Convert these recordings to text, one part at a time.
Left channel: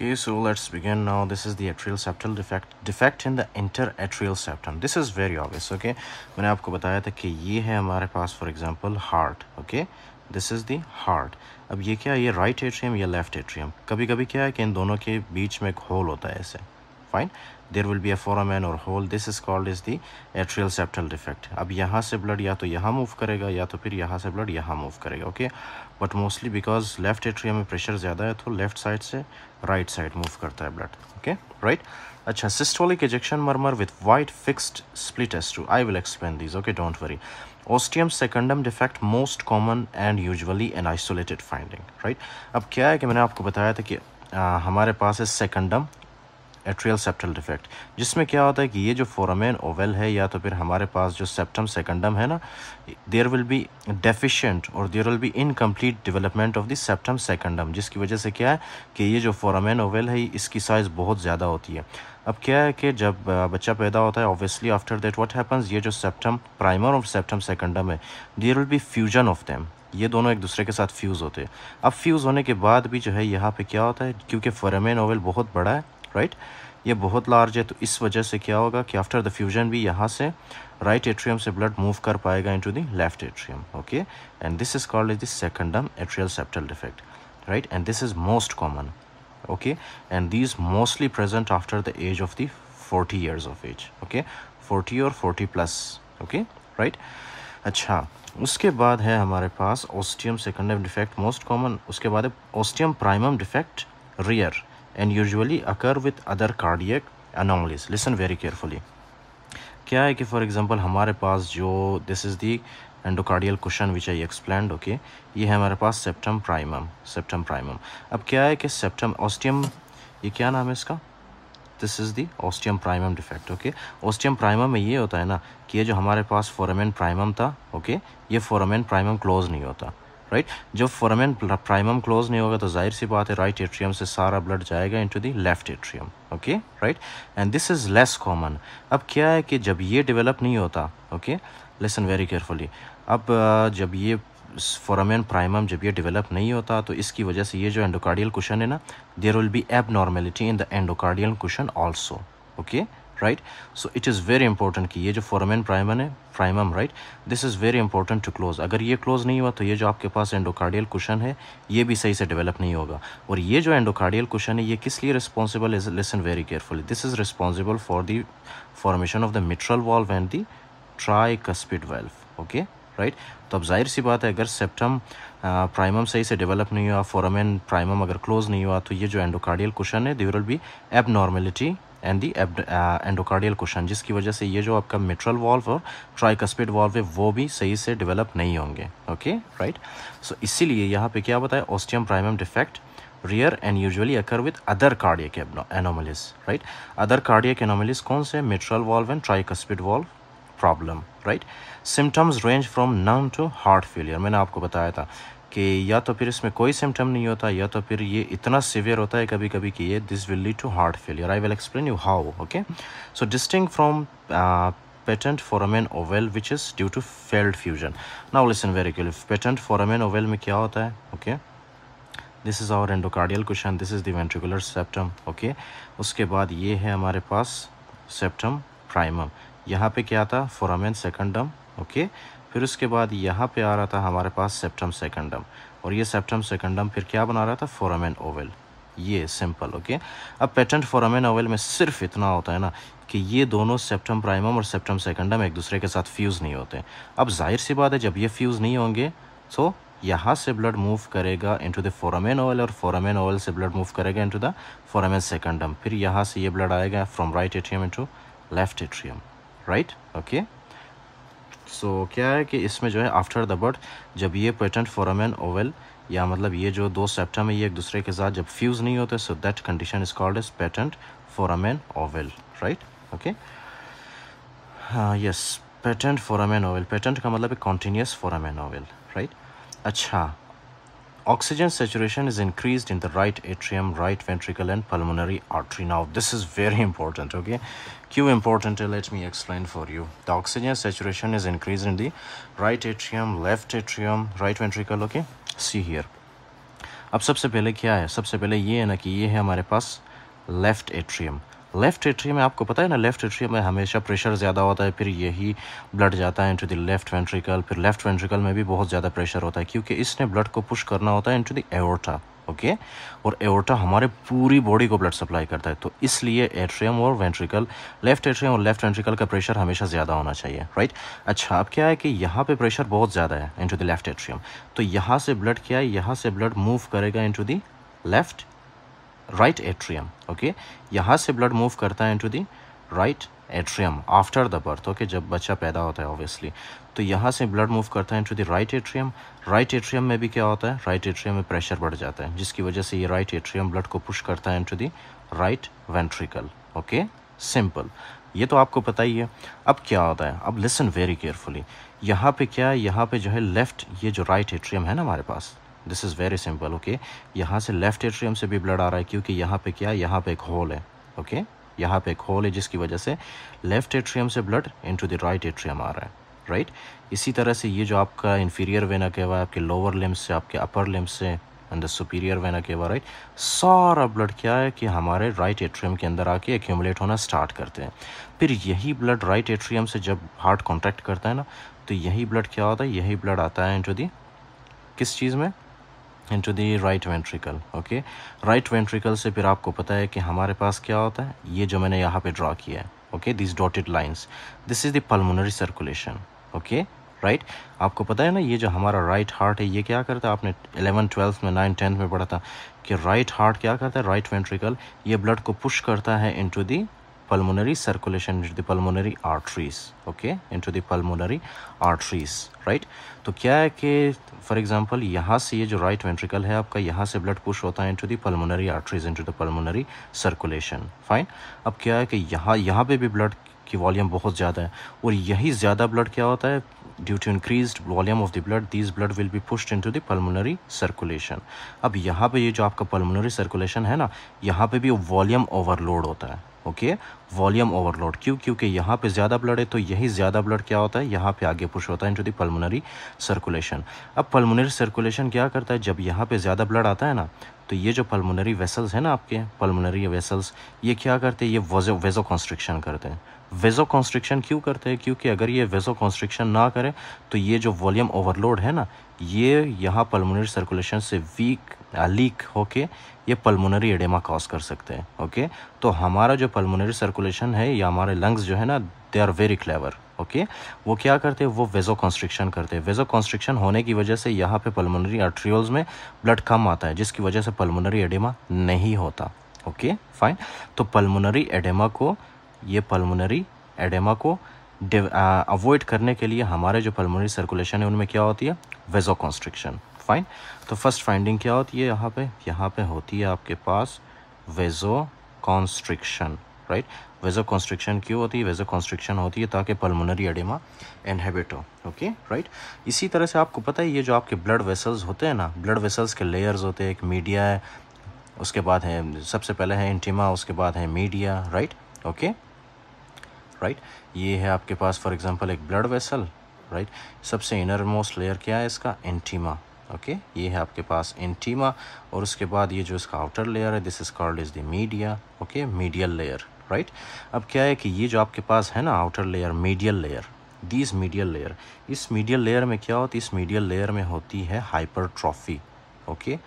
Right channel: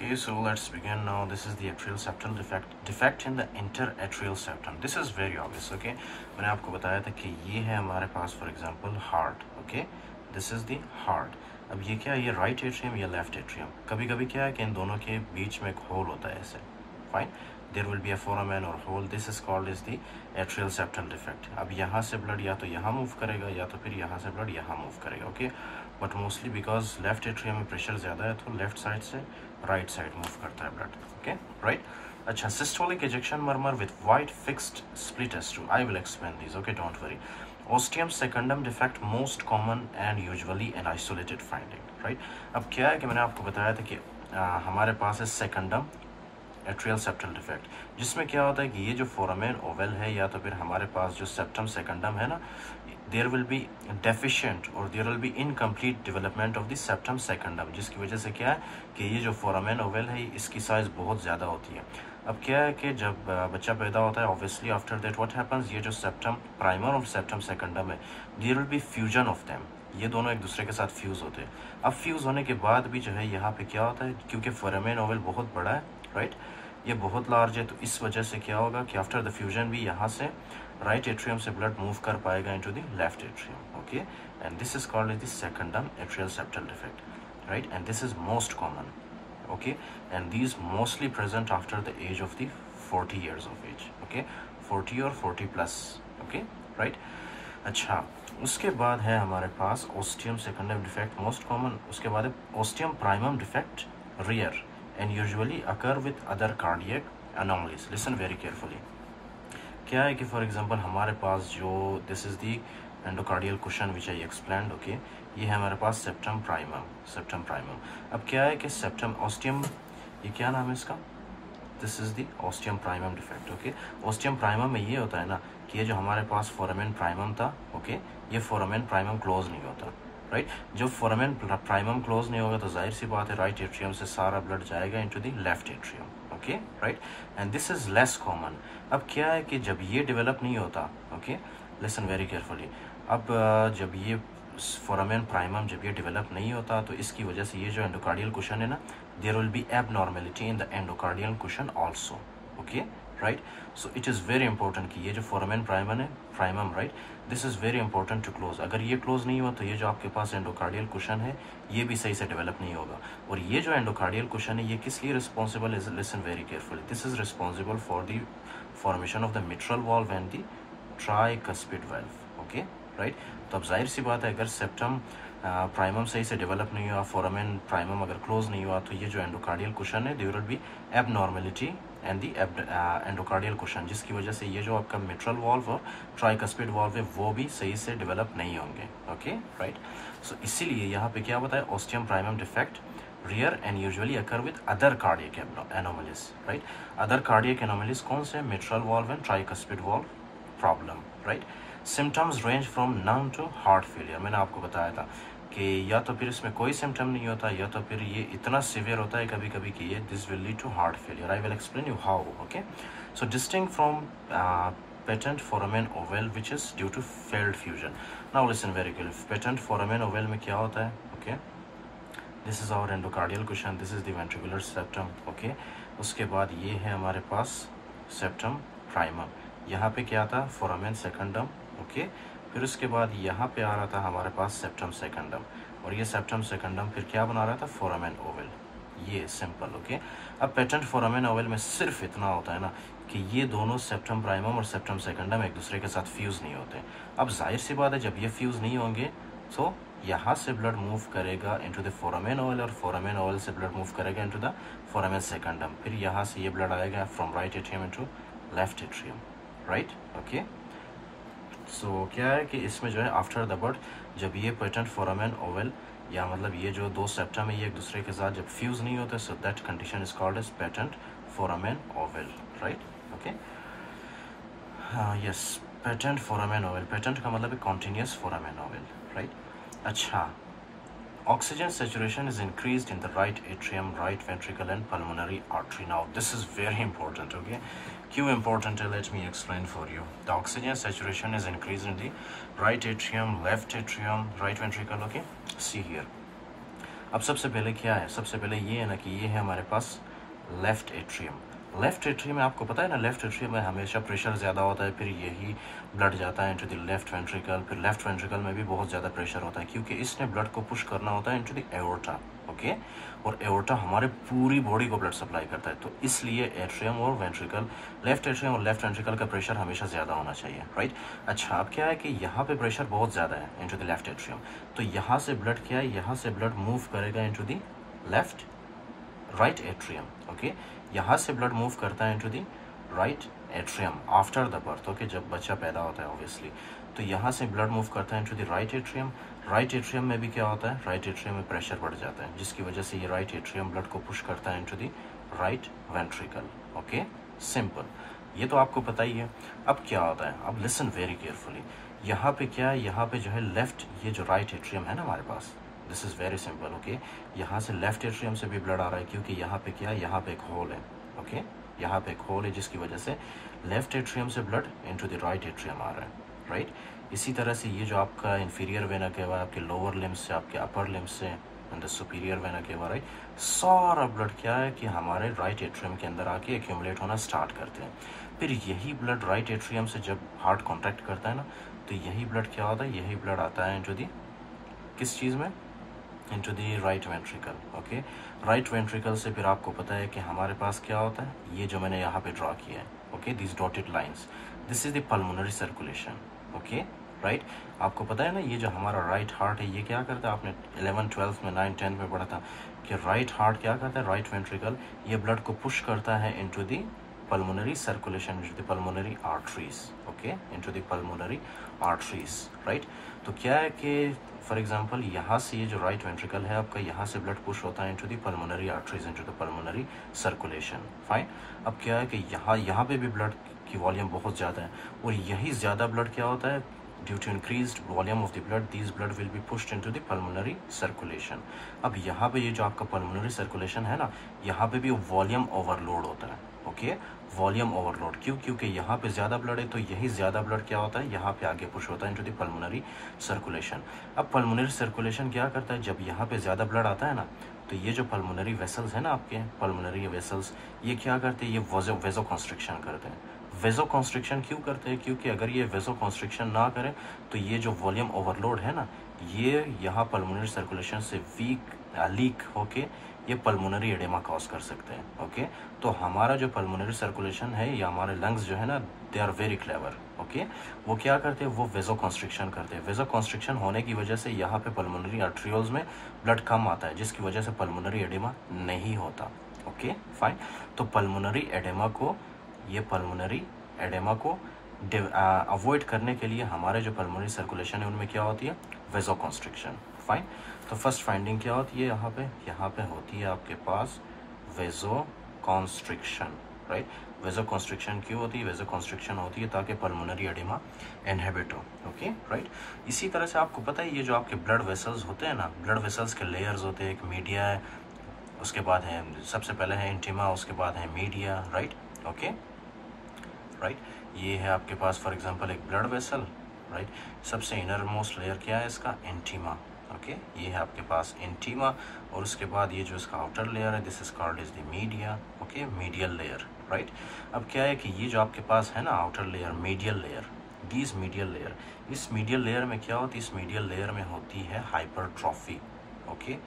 Okay, so let's begin now. This is the atrial septal defect in the interatrial septum. This is very obvious. Okay, मैंने आपको बताया था कि ये है हमारे पास for example heart. Okay, this is the heart. अब ये क्या है, ये राइट एट्रियम या लेफ्ट एट्रियम. कभी कभी क्या है कि इन दोनों के बीच में एक होल होता है ऐसे. Fine, there will be a foramen और hole. This is called is the atrial septal defect. अब यहाँ से ब्लड या तो यहाँ मूव करेगा या तो फिर यहाँ से ब्लड यहाँ मूव करेगा. Okay, but mostly because left atrium में प्रेशर ज़्यादा है तो लेफ्ट साइड से राइट साइड मूव करता है ब्लड. Okay, right. अच्छा, systolic ejection murmur with wide fixed split S2. I will explain this. Okay, don't worry. Ostium secundum defect most common and usually an isolated finding. Right. अब क्या है कि मैंने आपको बताया था कि हमारे पास है सेकंडम एट्रियल सेप्टल डिफेक्ट, जिसमें क्या होता है कि ये जो फोरामेन ओवल है या तो फिर हमारे पास जो सेप्टम सेकंडम है ना, देयर विल बी डेफिशिएंट और there will be incomplete development of the septum secundum, जिसकी वजह से क्या है कि ये जो फोरामेन ओवल है इसकी साइज़ बहुत ज़्यादा होती है. अब क्या है कि जब बच्चा पैदा होता है obviously after that what happens, ये जो सेप्टम प्राइमर और सेप्टम सेकंडम है, there will be fusion of them. ये दोनों एक दूसरे के साथ फ्यूज़ होते हैं. अब फ्यूज़ होने के बाद भी जो है यहाँ पे क्या होता है, क्योंकि फोरामेन ओवल बहुत बड़ा है, राइट, ये बहुत लार्ज है, तो इस वजह से क्या होगा कि आफ्टर द फ्यूजन भी यहाँ से राइट एट्रियम से ब्लड मूव कर पाएगा into the left atrium. Okay, and this is called the secundum atrial septal defect, right, and this is most common. Okay, and these mostly present after the age of the 40 years of age. Okay, 40 or 40 plus. Okay, right. अच्छा, उसके बाद है हमारे पास ostium secundum defect most common. उसके बाद है ostium primum defect rare and usually occur with other cardiac anomalies. Listen very carefully. क्या है कि फॉर एग्जांपल हमारे पास जो this is the endocardial cushion which I explained. Okay, ये है हमारे पास सेप्टम प्राइमम. अब क्या है कि सेप्टम ओस्टियम, ये क्या नाम है इसका, this is the ostium primum defect. Okay, ostium primum में ये होता है ना कि ये जो हमारे पास फोरामेन प्राइमम था, ओके, ये फोरामेन प्राइमम क्लोज नहीं होता, राइट. जब फोरामेन प्राइमम क्लोज नहीं होगा तो जाहिर सी बात है राइट एट्रियम से सारा ब्लड जाएगा into the left atrium. Okay, right, and this is less common. अब क्या है कि जब ये डेवलप नहीं होता, ओके, लिसन वेरी केयरफुली. अब जब ये फोरामेन प्राइमम जब ये डेवलप नहीं होता तो इसकी वजह से ये जो एंडोकार्डियल कुशन है ना, there will be abnormality in the endocardial cushion also. Okay, right. So it is very important कि ये जो foramen primum, right, this is very important to close. अगर ये क्लोज नहीं हुआ तो ये जो आपके पास एंडोकार्डियल कुशन है ये भी सही से डेवलप नहीं होगा. और ये जो एंडोकार्डियल कुशन है ये किस लिए responsible is, listen very carefully, this is responsible for the formation of the mitral valve and the tricuspid valve. Okay, right. तो अब जाहिर सी बात है अगर सेप्टम प्राइमम सही से डेवलप नहीं हुआ, फोरामेन प्राइमम अगर क्लोज नहीं हुआ तो ये जो एंडोकार्डियल कुशन है there will be abnormality and the endocardial cushion, जिसकी वजह से ये जो आपका मिट्रल वाल्व और ट्राइकस्पिड वाल्व है वो भी सही से डेवलप नहीं होंगे. Okay, right. सो इसीलिए यहाँ पे क्या बताया, ostium primum defect rare and usually occur with other cardiac anomalies. Right, other cardiac anomalies कौन से, mitral valve and tricuspid valve problem. Right. Symptoms range from none to heart failure. मैंने आपको बताया था कि या तो फिर इसमें कोई सिम्टम नहीं होता या तो फिर ये इतना सिवियर होता है कभी कभी कि ये this will lead to heart failure. I will explain you how. Okay, so distinct from patent foramen ovale which is due to failed fusion. Now listen very carefully. Patent foramen ovale में क्या होता है, okay, this is our endocardial cushion, this is the ventricular septum. Okay, उसके बाद ये है हमारे पास septum primum. यहाँ पे क्या था, फोरामेन सेकंडम. ओके, फिर उसके बाद यहाँ पे आ रहा था हमारे पास सेप्टम सेकंडम, और ये सेप्टम सेकंडम फिर क्या बना रहा था, फोरामेन ओवल. ये सिंपल. ओके, अब पेटेंट फोरामेन ओवल में सिर्फ इतना होता है ना कि ये दोनों सेप्टम प्राइमम और सेप्टम सेकंडम एक दूसरे के साथ फ्यूज़ नहीं होते. अब जाहिर सी बात है जब ये फ्यूज़ नहीं होंगे तो यहाँ से ब्लड मूव करेगा इनटू द फोरामेन ओवल और फोरामेन ओवल से ब्लड मूव करेगा इनटू द फोरामेन सेकंडम. फिर यहाँ से ये ब्लड आएगा from right atrium into left atrium. Right. Okay, so क्या है कि इसमें जो है आफ्टर द बर्थ जब ये पेटेंट फोरामेन ओवल या मतलब ये जो दो सेप्टम है ये एक दूसरे के साथ जब फ्यूज़ नहीं होते, so that condition is called as patent foramen ovale. Right. Okay, yes, patent foramen ovale. Patent का मतलब है कॉन्टिन्यूस फोरामेन ओवल. राइट. अच्छा, oxygen saturation is increased in the right atrium, right ventricle and pulmonary artery. Now this is very important. Okay, क्यों important है, let me explain for you. The oxygen saturation is increased in the right atrium, left atrium, right ventricle. Okay, see here. अब सबसे पहले क्या है, सबसे पहले ये है ना कि ये है हमारे पास लेफ़्ट एट्रियम। लेफ़्ट एट्रियम में आपको पता है ना, लेफ़्ट एट्रियम में हमेशा प्रेशर ज़्यादा होता है, फिर यही ब्लड जाता है इनटू द लेफ़्ट वेंट्रिकल, फिर लेफ़्ट वेंट्रिकल में भी बहुत ज़्यादा प्रेशर होता है क्योंकि इसने ब्लड को पुश करना होता है इनटू द एओर्टा, ओके। और एओर्टा हमारे पूरी बॉडी को ब्लड सप्लाई करता है, तो इसलिए एट्रियम और वेंट्रिकल, लेफ़्ट एट्रियम और लेफ़्ट वेंट्रिकल का प्रेशर हमेशा ज़्यादा होना चाहिए, राइट। अच्छा, अब क्या है कि यहाँ पे प्रेशर बहुत ज़्यादा है इनटू द लेफ़्ट एट्रियम, तो यहाँ से ब्लड क्या है, यहाँ से ब्लड मूव करेगा into the left right atrium, okay. यहाँ से ब्लड मूव करता है into the right atrium after the birth, okay, जब बच्चा पैदा होता है ऑब्वियसली, तो यहाँ से ब्लड मूव करता है into the right atrium. Right atrium में भी क्या होता है, राइट एट्रियम में प्रेशर बढ़ जाता है, जिसकी वजह से ये राइट एट्रियम ब्लड को पुश करता है into the right ventricle, okay, simple, ये तो आपको पता ही है। अब क्या होता है, अब लिसन वेरी केयरफुली, यहाँ पे क्या है, यहाँ पे जो है लेफ्ट, ये जो राइट एट्रियम है ना हमारे पास, this is very simple, okay. यहाँ से लेफ्ट एट्रियम से भी ब्लड आ रहा है क्योंकि यहाँ पे क्या है, यहाँ पे एक होल है, ओके, यहाँ पे एक होल है, जिसकी वजह से लेफ्ट एट्रियम से blood into the right atrium आ रहा है, राइट। इसी तरह से ये जो आपका इन्फीरियर वेना केवा है, आपके लोअर लिम्स से, आपके अपर लिम्स से, and the superior vena cava, right, सारा ब्लड क्या है कि हमारे राइट एट्रियम के अंदर आके एक्यूमुलेट होना स्टार्ट करते हैं। फिर यही ब्लड राइट एट्रियम से जब हार्ट कॉन्ट्रैक्ट करता है ना, तो यही ब्लड क्या होता है, यही ब्लड आता है इनटू दी किस चीज़ में, into the right ventricle, okay. Right ventricle से फिर आपको पता है कि हमारे पास क्या होता है, ये जो मैंने यहाँ पे ड्रॉ किया है, okay, this dotted lines, this is the pulmonary circulation, okay, right. आपको पता है ना, ये जो हमारा राइट हार्ट है, ये क्या करता है, आपने 11th 12th में 9th 10th में पढ़ा था कि राइट हार्ट क्या करता है, राइट वेंट्रिकल, ये ब्लड को पुश करता है into the pulmonary circulation into the pulmonary arteries, okay, into the pulmonary arteries, right। तो क्या है कि फॉर एग्जांपल यहाँ से ये जो राइट वेंट्रिकल है आपका, यहाँ से ब्लड पुश होता है into the pulmonary arteries, into the pulmonary circulation, fine. अब क्या है कि यहाँ पे भी ब्लड की वॉल्यूम बहुत ज़्यादा है, और यही ज़्यादा ब्लड क्या होता है, due to increased volume of the blood, these blood will be pushed into the pulmonary circulation। अब यहाँ पे ये जो आपका pulmonary circulation है ना, यहाँ पे भी वॉल्यूम ओवरलोड होता है, ओके, वॉल्यूम ओवरलोड, क्योंकि यहाँ पे ज़्यादा ब्लड है, तो यही ज़्यादा ब्लड क्या होता है, यहाँ पे आगे पुश होता है इनटू द पल्मोनरी सर्कुलेशन। अब पल्मोनरी सर्कुलेशन क्या करता है, जब यहाँ पे ज़्यादा ब्लड आता है ना, तो ये जो पल्मोनरी वेसल्स है ना आपके, पल्मोनरी वेसल्स, ये क्या करते हैं, ये वेजो कॉन्स्ट्रिक्शन करते हैं। वेजो कॉन्स्ट्रिक्शन क्यों करते हैं, क्योंकि अगर ये वेजो कॉन्स्ट्रिक्शन ना करे तो ये जो वॉल्यूम ओवरलोड है ना, ये यहाँ पल्मोनरी सर्कुलेशन से लीक होके ये पल्मोनरी एडेमा कॉज कर सकते हैं, ओके। तो हमारा जो पल्मोनरी सर्कुलेशन है, या हमारे लंग्स जो है ना, they are very clever, okay. वो क्या करते हैं, वो वेजो कॉन्स्ट्रिक्शन करते हैं। वेजो कॉन्स्ट्रिक्शन होने की वजह से यहाँ पे पल्मोनरी आर्ट्रियोल्स में ब्लड कम आता है, जिसकी वजह से पल्मोनरी एडेमा नहीं होता, ओके, फाइन। तो पल्मोनरी एडेमा को, ये पल्मोनरी एडेमा को अवॉइड करने के लिए हमारे जो पल्मोनरी सर्कुलेशन है उनमें क्या होती है, वेजो कॉन्स्ट्रिक्शन, फाइन। तो फर्स्ट फाइंडिंग क्या होती है, यहाँ पे होती है आपके पास वेजो कॉन्स्ट्रिक्शन, राइट। वेजो कॉन्स्ट्रिक्शन क्यों होती है, वेजो कॉन्स्ट्रिक्शन होती है ताकि पल्मोनरी एडेमा इनहिबिट हो, ओके, राइट। इसी तरह से आपको पता है, ये जो आपके ब्लड वेसल्स होते हैं ना, ब्लड वेसल्स के लेयर्स होते हैं, एक मीडिया है, उसके बाद है, सबसे पहले है इंटीमा, उसके बाद है मीडिया, राइट, ओके, राइट। ये है आपके पास फॉर एग्जांपल एक ब्लड वेसल, राइट। सबसे इनर मोस्ट लेयर क्या है इसका, इंटीमा, ओके। ये है आपके पास इंटीमा, और उसके बाद ये जो इसका आउटर लेयर है, this is called is the media, okay, medial layer, right. अब क्या है कि ये जो आपके पास है ना outer layer, medial layer, this medial layer, इस मीडियल लेयर में क्या होती है, इस मीडियल लेयर में होती है हाइपरट्रॉफी, ओके,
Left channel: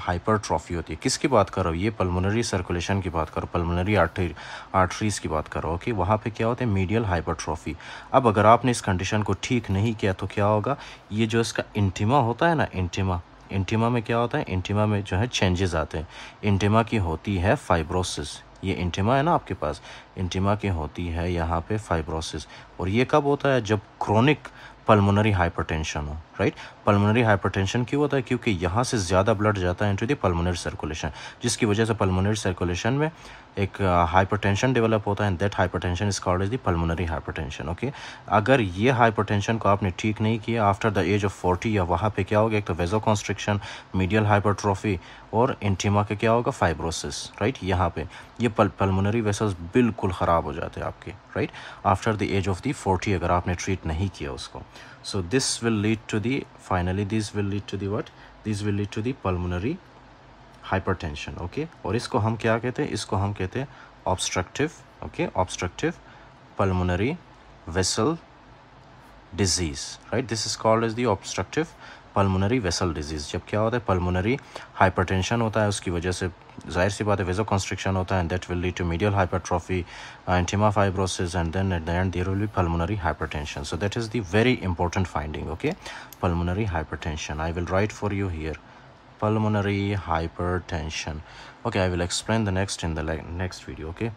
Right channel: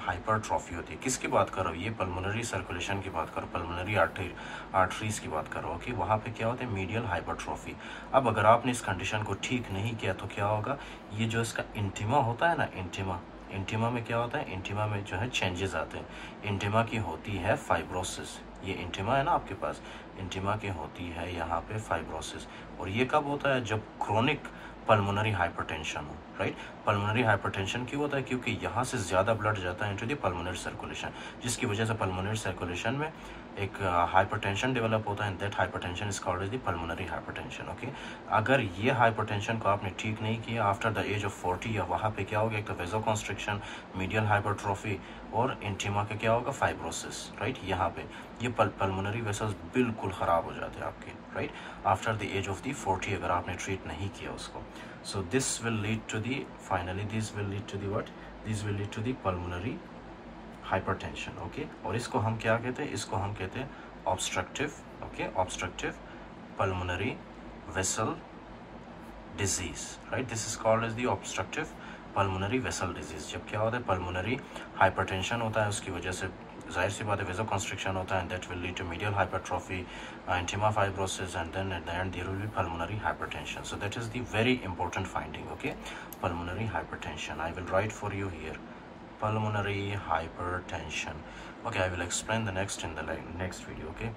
हाइपरट्रॉफी होती है। किसकी बात करो, ये पल्मोनरी सर्कुलेशन की बात करो, पल्मोनरी आर्टरीज की बात करो, ओके। वहाँ पे क्या होता है, मीडियल हाइपरट्रॉफी। अब अगर आपने इस कंडीशन को ठीक नहीं किया तो क्या होगा, ये जो इसका इंटीमा होता है ना, इंटीमा में क्या होता है, इंटीमा में जो है चेंजेस आते हैं। इंटीमा की होती है फाइब्रोसिस, ये इंटीमा है ना आपके पास, इंटीमा की होती है यहाँ पे फाइब्रोसिस, और ये कब होता है, जब क्रोनिक पल्मोनरी हाइपरटेंशन हो, राइट। पल्मोनरी हाइपरटेंशन क्यों होता है, क्योंकि यहाँ से ज़्यादा ब्लड जाता है इनटू द पल्मोनरी सर्कुलेशन, जिसकी वजह से पल्मोनरी सर्कुलेशन में एक हाइपरटेंशन डेवलप होता है, that hypertension is called is the pulmonary hypertension, okay. अगर ये हाइपरटेंशन को आपने ठीक नहीं किया आफ्टर द एज ऑफ 40, या वहाँ पे क्या होगा, एक तो वेजो कॉन्स्ट्रिक्शन, मीडियल हाइपरट्रॉफी, और इंटीमा के क्या होगा, फाइब्रोसिस, राइट। यहाँ पे ये पल्मोनरी वेसल्स बिल्कुल ख़राब हो जाते हैं आपके, right, after the age of the 40, अगर आपने ट्रीट नहीं किया उसको। So this will lead to the, finally this will lead to the what, These will lead to the pulmonary hypertension. Okay, और इसको हम क्या कहते हैं? इसको हम कहते हैं obstructive, okay, obstructive pulmonary vessel disease, right? This is called as the obstructive pulmonary vessel disease. जब क्या होता है? pulmonary hypertension होता है, उसकी वजह से जाहिर सी बात है vasoconstriction होता है, and that will lead to medial hypertrophy, intima fibrosis, and then at the end there will be pulmonary hypertension. So that is the very important finding. Okay, pulmonary hypertension. I will write for you here, pulmonary hypertension. Okay, I will explain the next in the next video. Okay,